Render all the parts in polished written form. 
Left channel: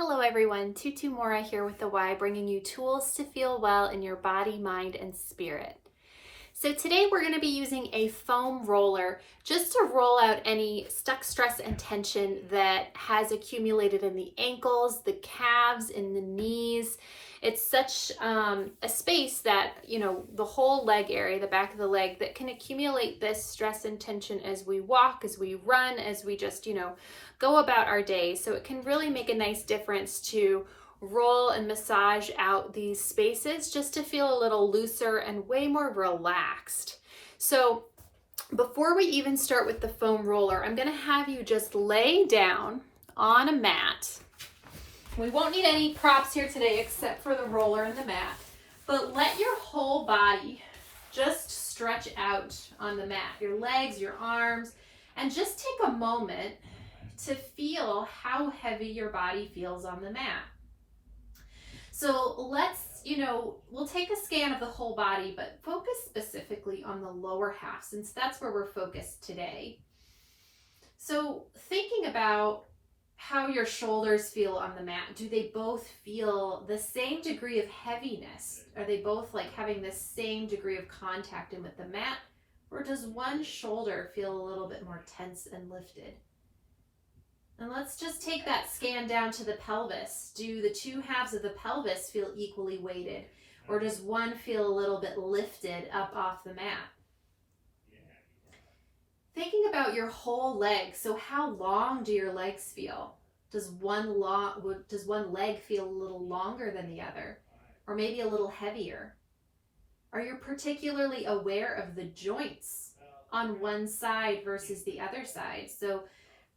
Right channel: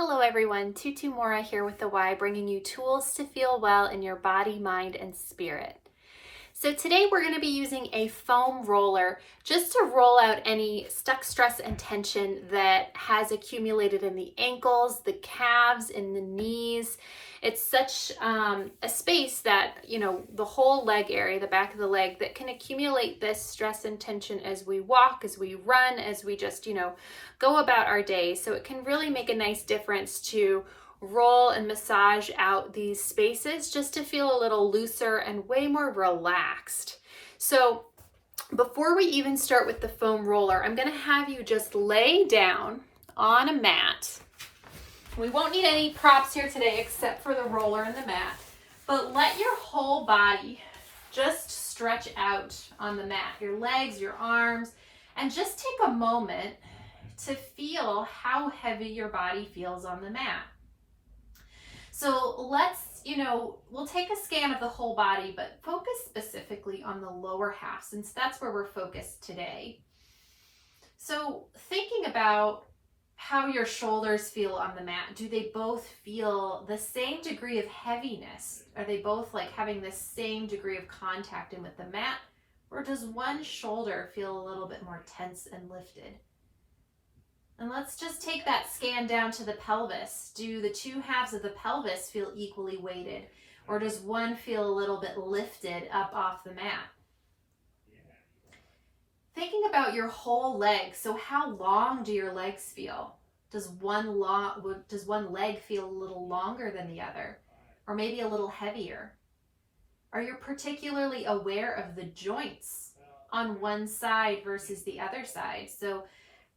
Hello everyone, Tutu Mora here with the Y, bringing you tools to feel well in your body, mind, and spirit. So today we're going to be using a foam roller just to roll out any stuck stress and tension that has accumulated in the ankles, the calves, in the knees. It's such a space that, the whole leg area, the back of the leg, that can accumulate this stress and tension as we walk, as we run, as we just, go about our day. So it can really make a nice difference to roll and massage out these spaces just to feel a little looser and way more relaxed. So before we even start with the foam roller, I'm going to have you just lay down on a mat. We won't need any props here today except for the roller and the mat, but let your whole body just stretch out on the mat, your legs, your arms, and just take a moment to feel how heavy your body feels on the mat. So let's, we'll take a scan of the whole body, but focus specifically on the lower half since that's where we're focused today. So thinking about how your shoulders feel on the mat, do they both feel the same degree of heaviness? Are they both like having the same degree of contact in with the mat? Or does one shoulder feel a little bit more tense and lifted? And let's just take that scan down to the pelvis. Do the two halves of the pelvis feel equally weighted? Or does one feel a little bit lifted up off the mat? Thinking about your whole leg, so how long do your legs feel? Does one leg feel a little longer than the other? Or maybe a little heavier? Are you particularly aware of the joints on one side versus the other side? So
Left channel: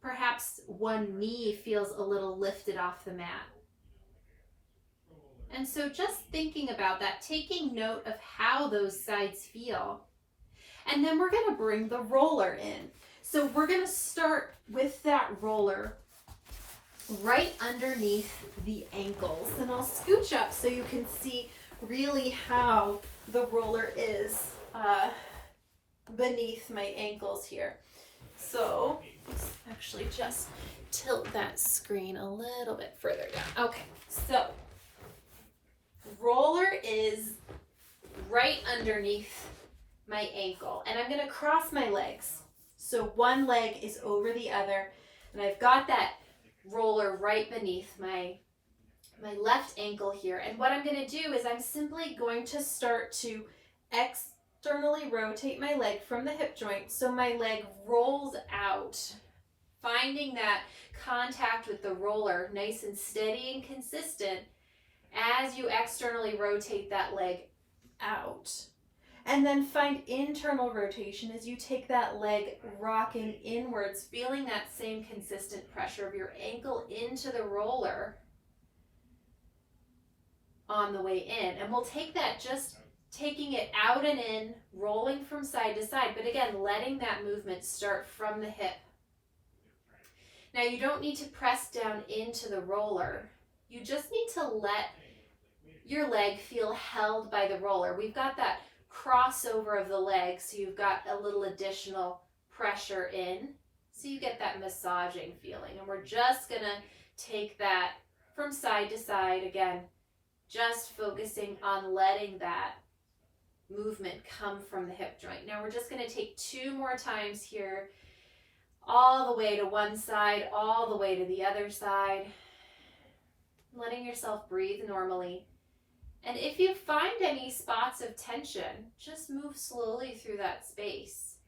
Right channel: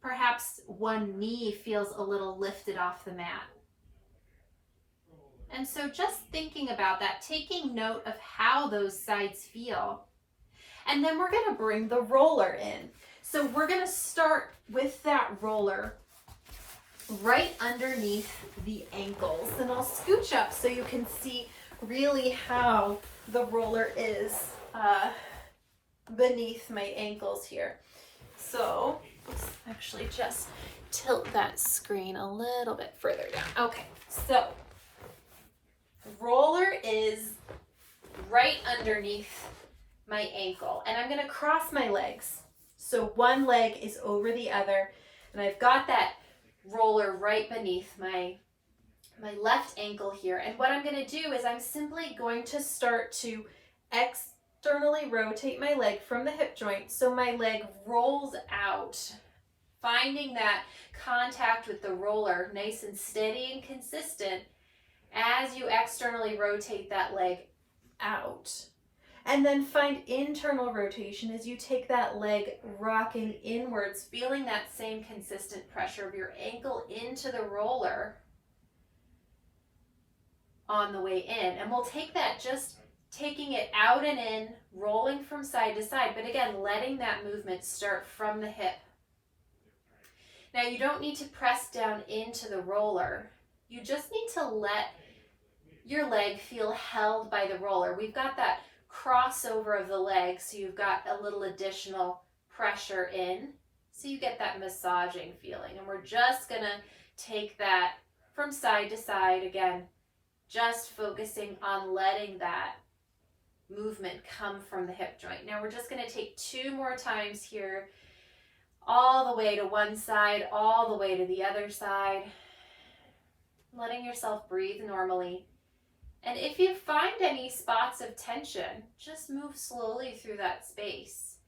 perhaps one knee feels a little lifted off the mat. And so just thinking about that, taking note of how those sides feel. And then we're going to bring the roller in. So we're going to start with that roller right underneath the ankles. And I'll scooch up so you can see really how the roller is beneath my ankles here. So let's actually just tilt that screen a little bit further down. Okay, so roller is right underneath my ankle, and I'm going to cross my legs. So one leg is over the other, and I've got that roller right beneath my left ankle here. And what I'm going to do is I'm simply going to start to externally rotate my leg from the hip joint so my leg rolls out, finding that contact with the roller nice and steady and consistent as you externally rotate that leg out. And then find internal rotation as you take that leg rocking inwards, feeling that same consistent pressure of your ankle into the roller on the way in. And we'll take that just taking it out and in, rolling from side to side, but again, letting that movement start from the hip. Now you don't need to press down into the roller. You just need to let your leg feel held by the roller. We've got that crossover of the leg, so you've got a little additional pressure in, so you get that massaging feeling. And we're just gonna take that from side to side, again, just focusing on letting that movement come from the hip joint. Now we're just gonna take 2 more times here, all the way to one side, all the way to the other side, letting yourself breathe normally. And if you find any spots of tension, just move slowly through that space.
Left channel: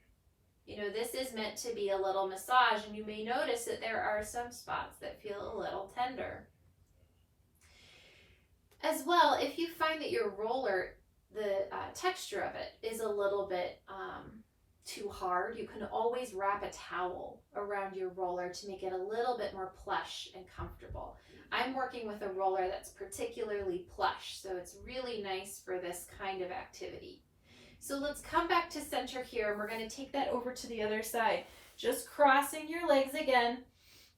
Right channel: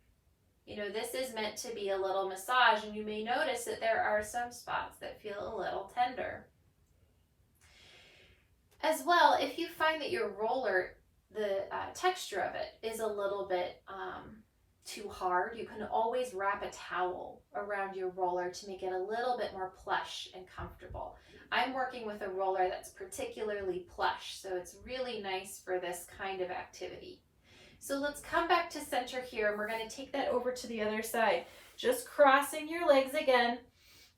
This is meant to be a little massage, and you may notice that there are some spots that feel a little tender. As well, if you find that your roller, the texture of it is a little bit too hard, you can always wrap a towel around your roller to make it a little bit more plush and comfortable. I'm working with a roller that's particularly plush, so it's really nice for this kind of activity. So let's come back to center here, and we're going to take that over to the other side. Just crossing your legs again.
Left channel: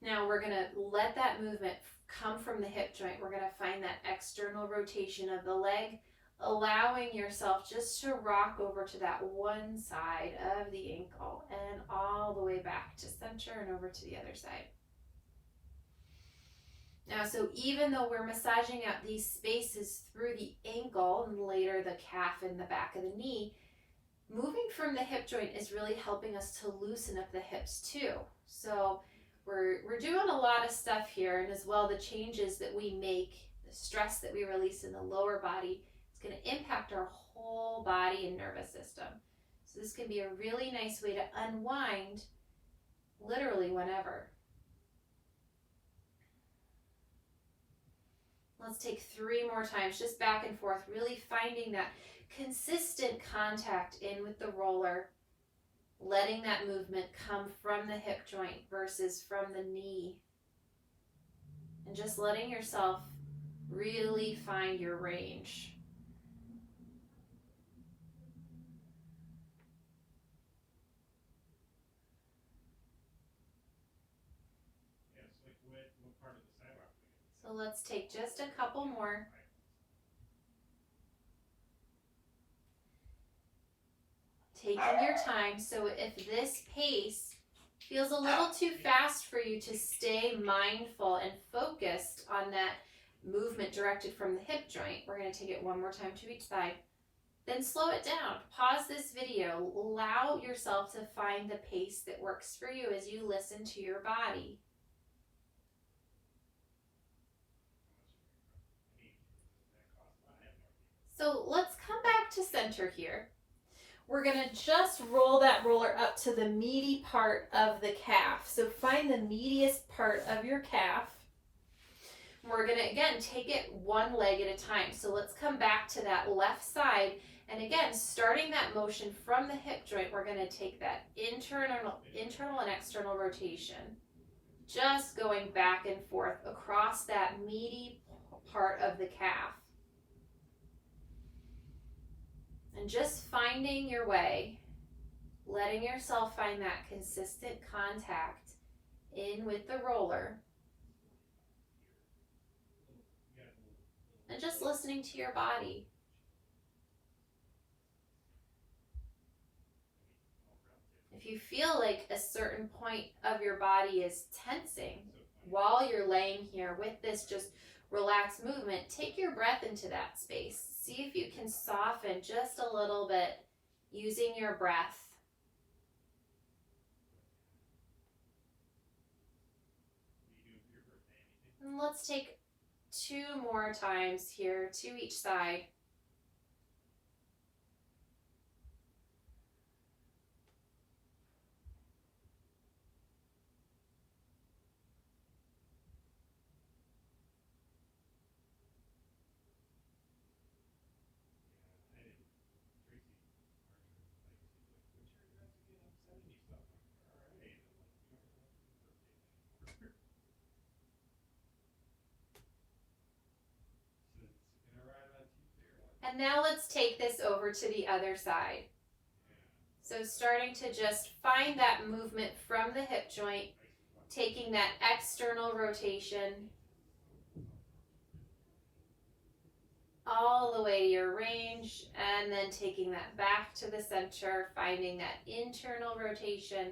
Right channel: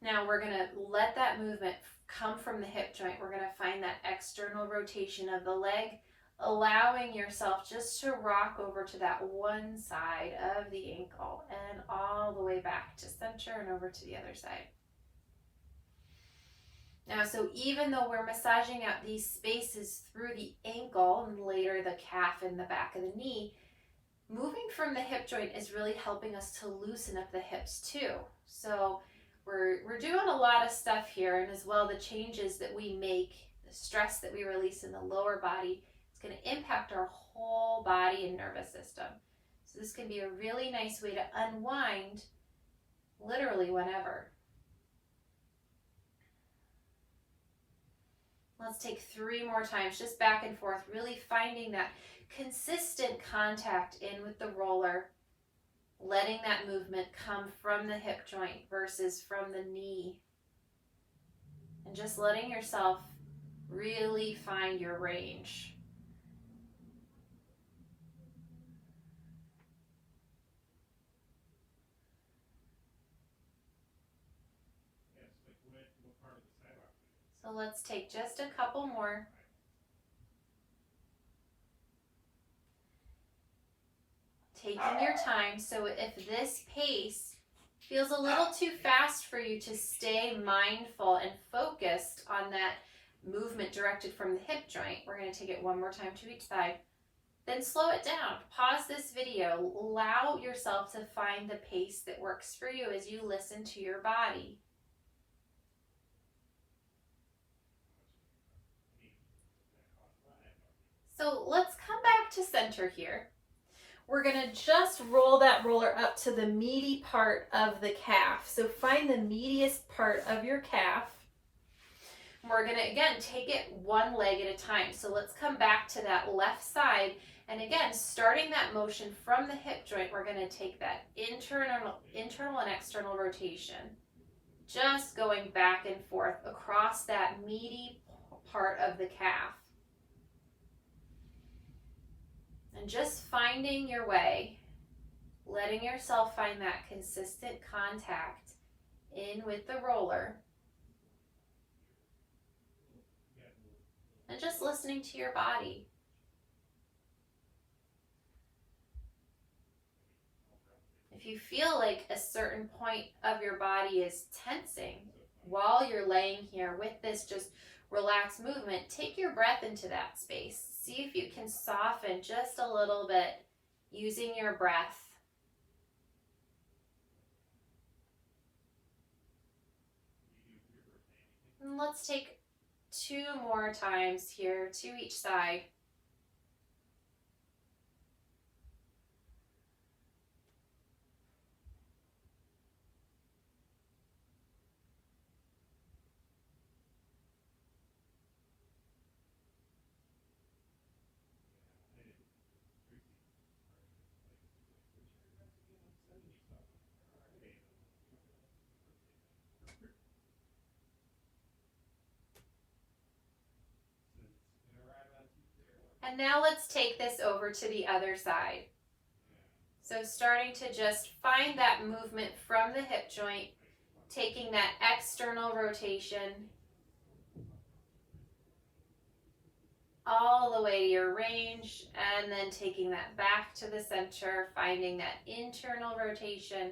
Now we're going to let that movement come from the hip joint. We're going to find that external rotation of the leg, allowing yourself just to rock over to that one side of the ankle and all the way back to center and over to the other side. Now, so even though we're massaging out these spaces through the ankle and later the calf and the back of the knee, moving from the hip joint is really helping us to loosen up the hips too. So we're doing a lot of stuff here, and as well the changes that we make, the stress that we release in the lower body, it's going to impact our whole body and nervous system. So this can be a really nice way to unwind literally whenever. Let's take 3 more times, just back and forth, really finding that consistent contact in with the roller, letting that movement come from the hip joint versus from the knee, and just letting yourself really find your range. So let's take just a couple more. Taking your time, so if this pace feels a little too fast for you to stay mindful and focused on that movement directed from the hip joint, we're going to take it 1 more time to each side. Then slow it down. Pause this video. Allow yourself to find the pace that works for you as you listen to your body. So let's come back to center here. We're going to just roll that roller up to the meaty part of the calf. So find the meatiest part of your calf. We're going to, again, take it 1 leg at a time. So let's come back to that left side. And again, starting that motion from the hip joint, we're going to take that internal and external rotation. Just going back and forth across that meaty part of the calf. And just finding your way, letting yourself find that consistent contact in with the roller. And just listening to your body. If you feel like a certain point of your body is tensing while you're laying here with this just relaxed movement, take your breath into that space. See if you can soften just a little bit using your breath. And let's take 2 more times here, 2 each side. And now let's take this over to the other side. So starting to just find that movement from the hip joint, taking that external rotation all the way to your range, and then taking that back to the center, finding that internal rotation,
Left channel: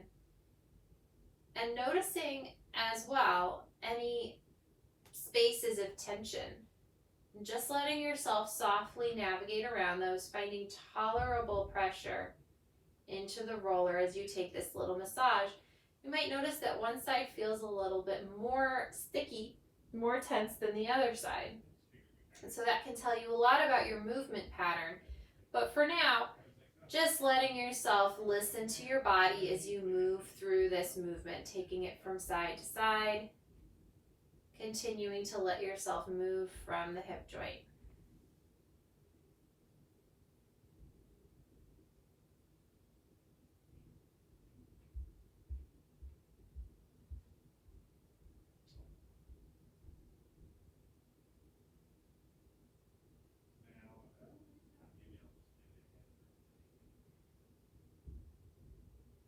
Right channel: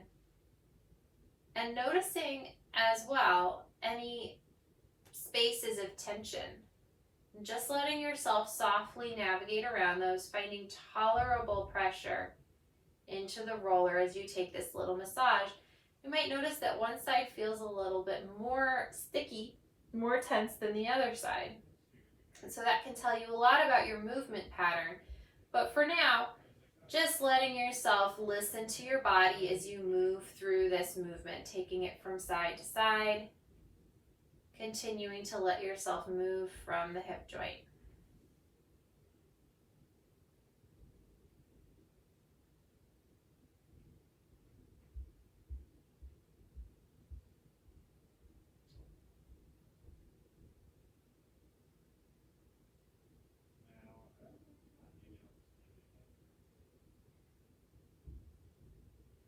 and noticing as well any spaces of tension. Just letting yourself softly navigate around those, finding tolerable pressure into the roller as you take this little massage. You might notice that one side feels a little bit more sticky, more tense than the other side. And so that can tell you a lot about your movement pattern. But for now, just letting yourself listen to your body as you move through this movement, taking it from side to side. Continuing to let yourself move from the hip joint.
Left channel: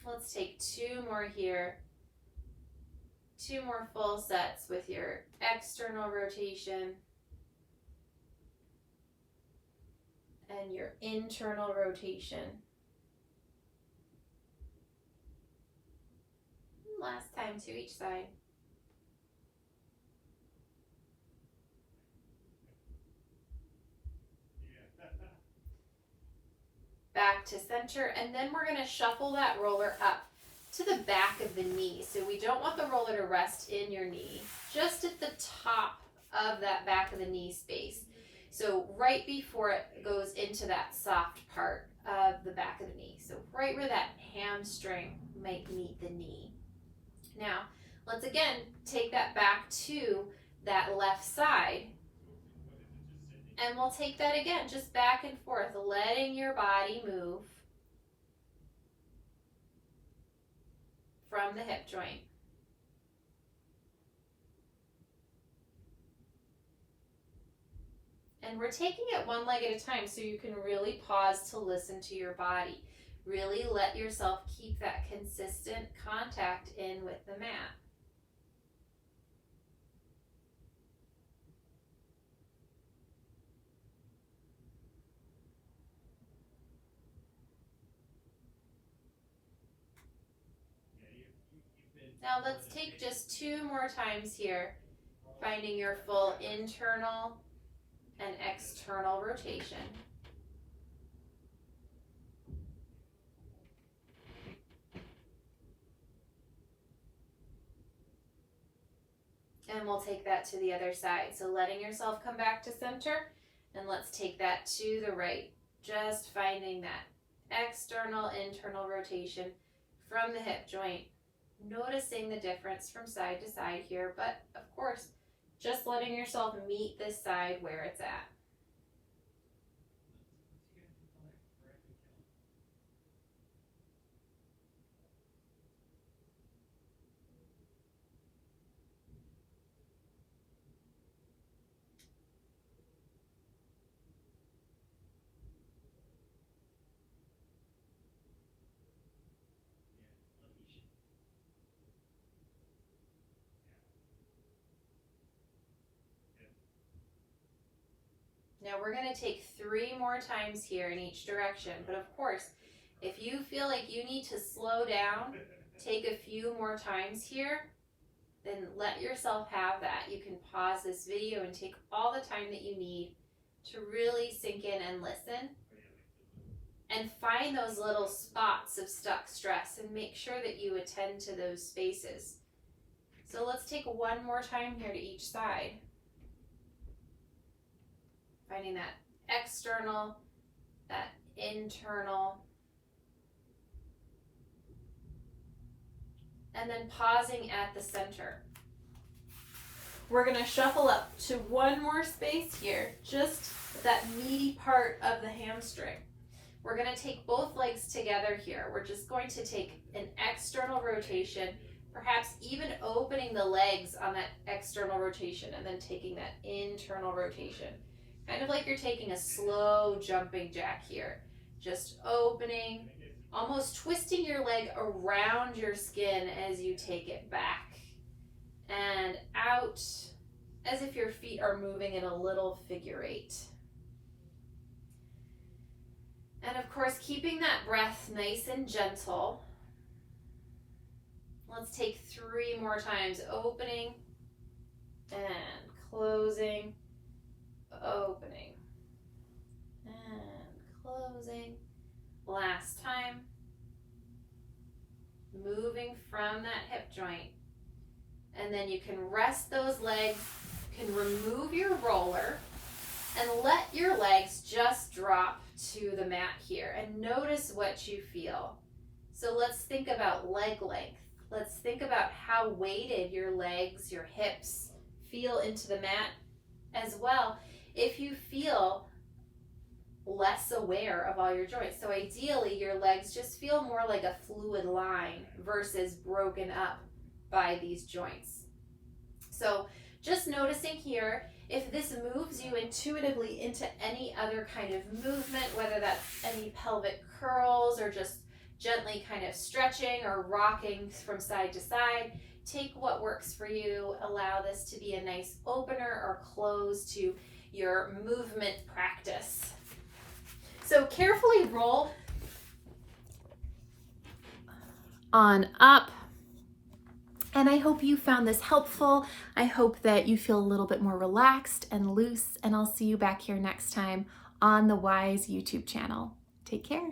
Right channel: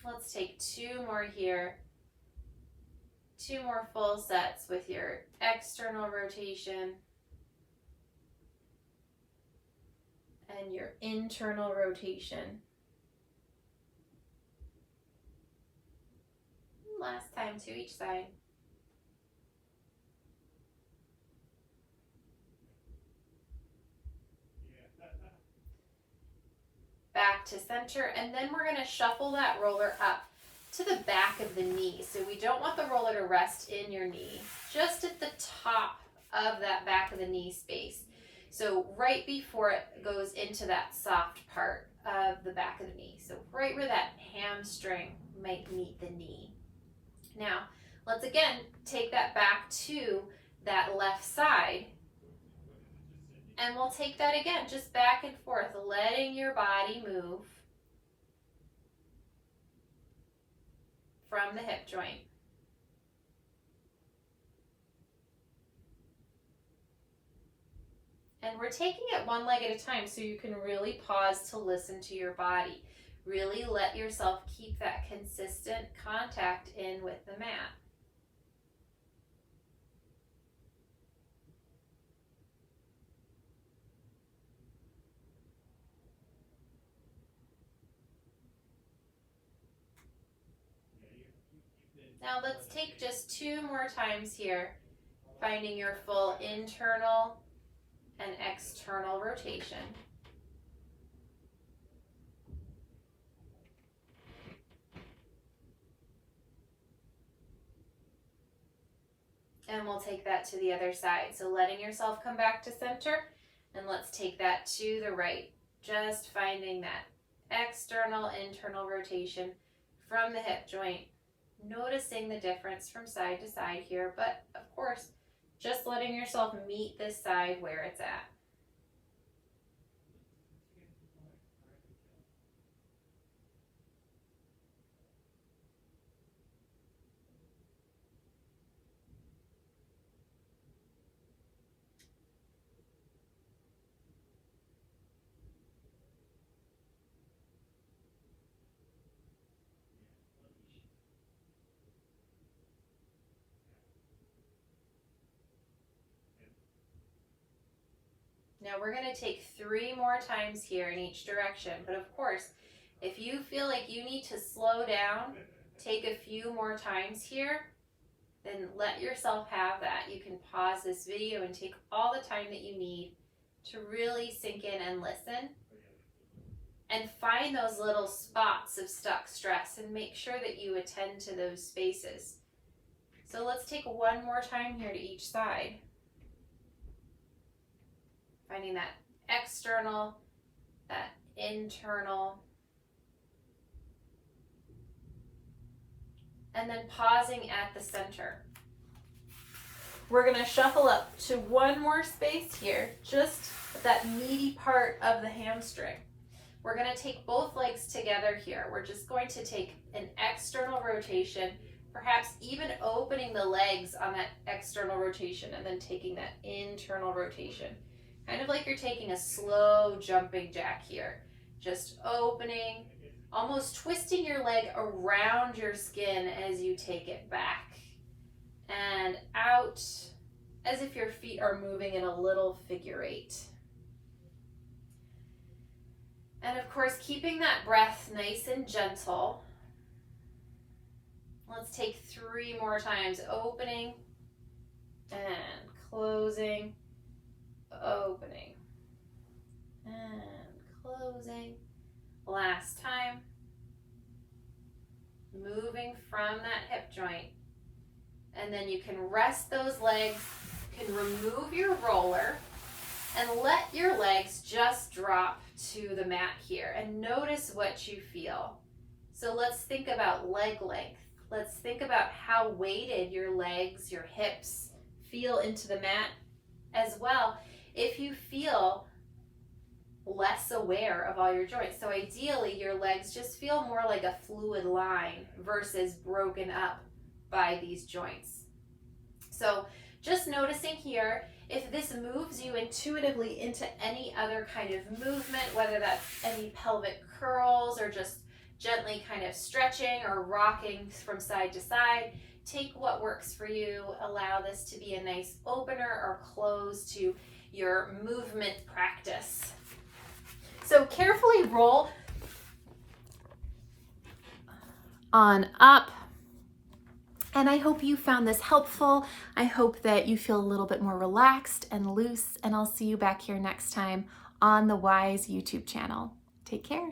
Let's take 2 more here. 2 more full sets with your external rotation and your internal rotation. Last time to each side. to center, and then we're going to shuffle that roller up to the back of the knee. So we don't want the roller to rest in your knee, just at the top of that back of the knee space. So right before it goes into that soft part of the back of the knee. So right where that hamstring might meet the knee. Now, let's again take that back to that left side. And we'll take that again, just back and forth, letting your body move from the hip joint. And we're taking it one leg at a time so you can really pause to listen to your body. Really let yourself keep that consistent contact in with the mat. Now let's take just 2 more times here, finding your full internal and external rotation. And we'll take that to the other side. So letting yourself come back to center, and let's take that to the right. Just finding that external, internal rotation from the hip joint. Noticing the difference from side to side here, but of course, just letting yourself meet this side where it's at. Now we're going to take 3 more times here in each direction, but of course, if you feel like you need to slow down, take a few more times here, then let yourself have that. You can pause this video and take all the time that you need to really sink in and listen, and find those little spots of stuck stress and make sure that you attend to those spaces. So let's take 1 more time here to each side. Finding that external, that internal, and then pausing at the center. We're going to shuffle up to 1 more space here, just that meaty part of the hamstring. We're going to take both legs together here. We're just going to take an external rotation, perhaps even opening the legs on that external rotation and then taking that internal rotation. Kind of like you're taking a slow jumping jack here. Just opening, almost twisting your leg around your skin as you take it back and out, as if your feet are moving in a little figure 8. And of course, keeping that breath nice and gentle. Let's take 3 more times, opening and closing. Opening and closing. Last time. Moving from that hip joint. And then you can rest those legs, you can remove your roller, and let your legs just drop to the mat here. And notice what you feel. So let's think about leg length. Let's think about how weighted your legs, your hips feel into the mat as well. If you feel less aware of all your joints. So ideally, your legs just feel more like a fluid line versus broken up by these joints. So just noticing here, if this moves you intuitively into any other kind of movement, whether that's any pelvic curls or just gently kind of stretching or rocking from side to side, take what works for you. Allow this to be a nice opener or close to your movement practice. So carefully roll on up. And I hope you found this helpful. I hope that you feel a little bit more relaxed and loose, and I'll see you back here next time on the Wise YouTube channel. Take care.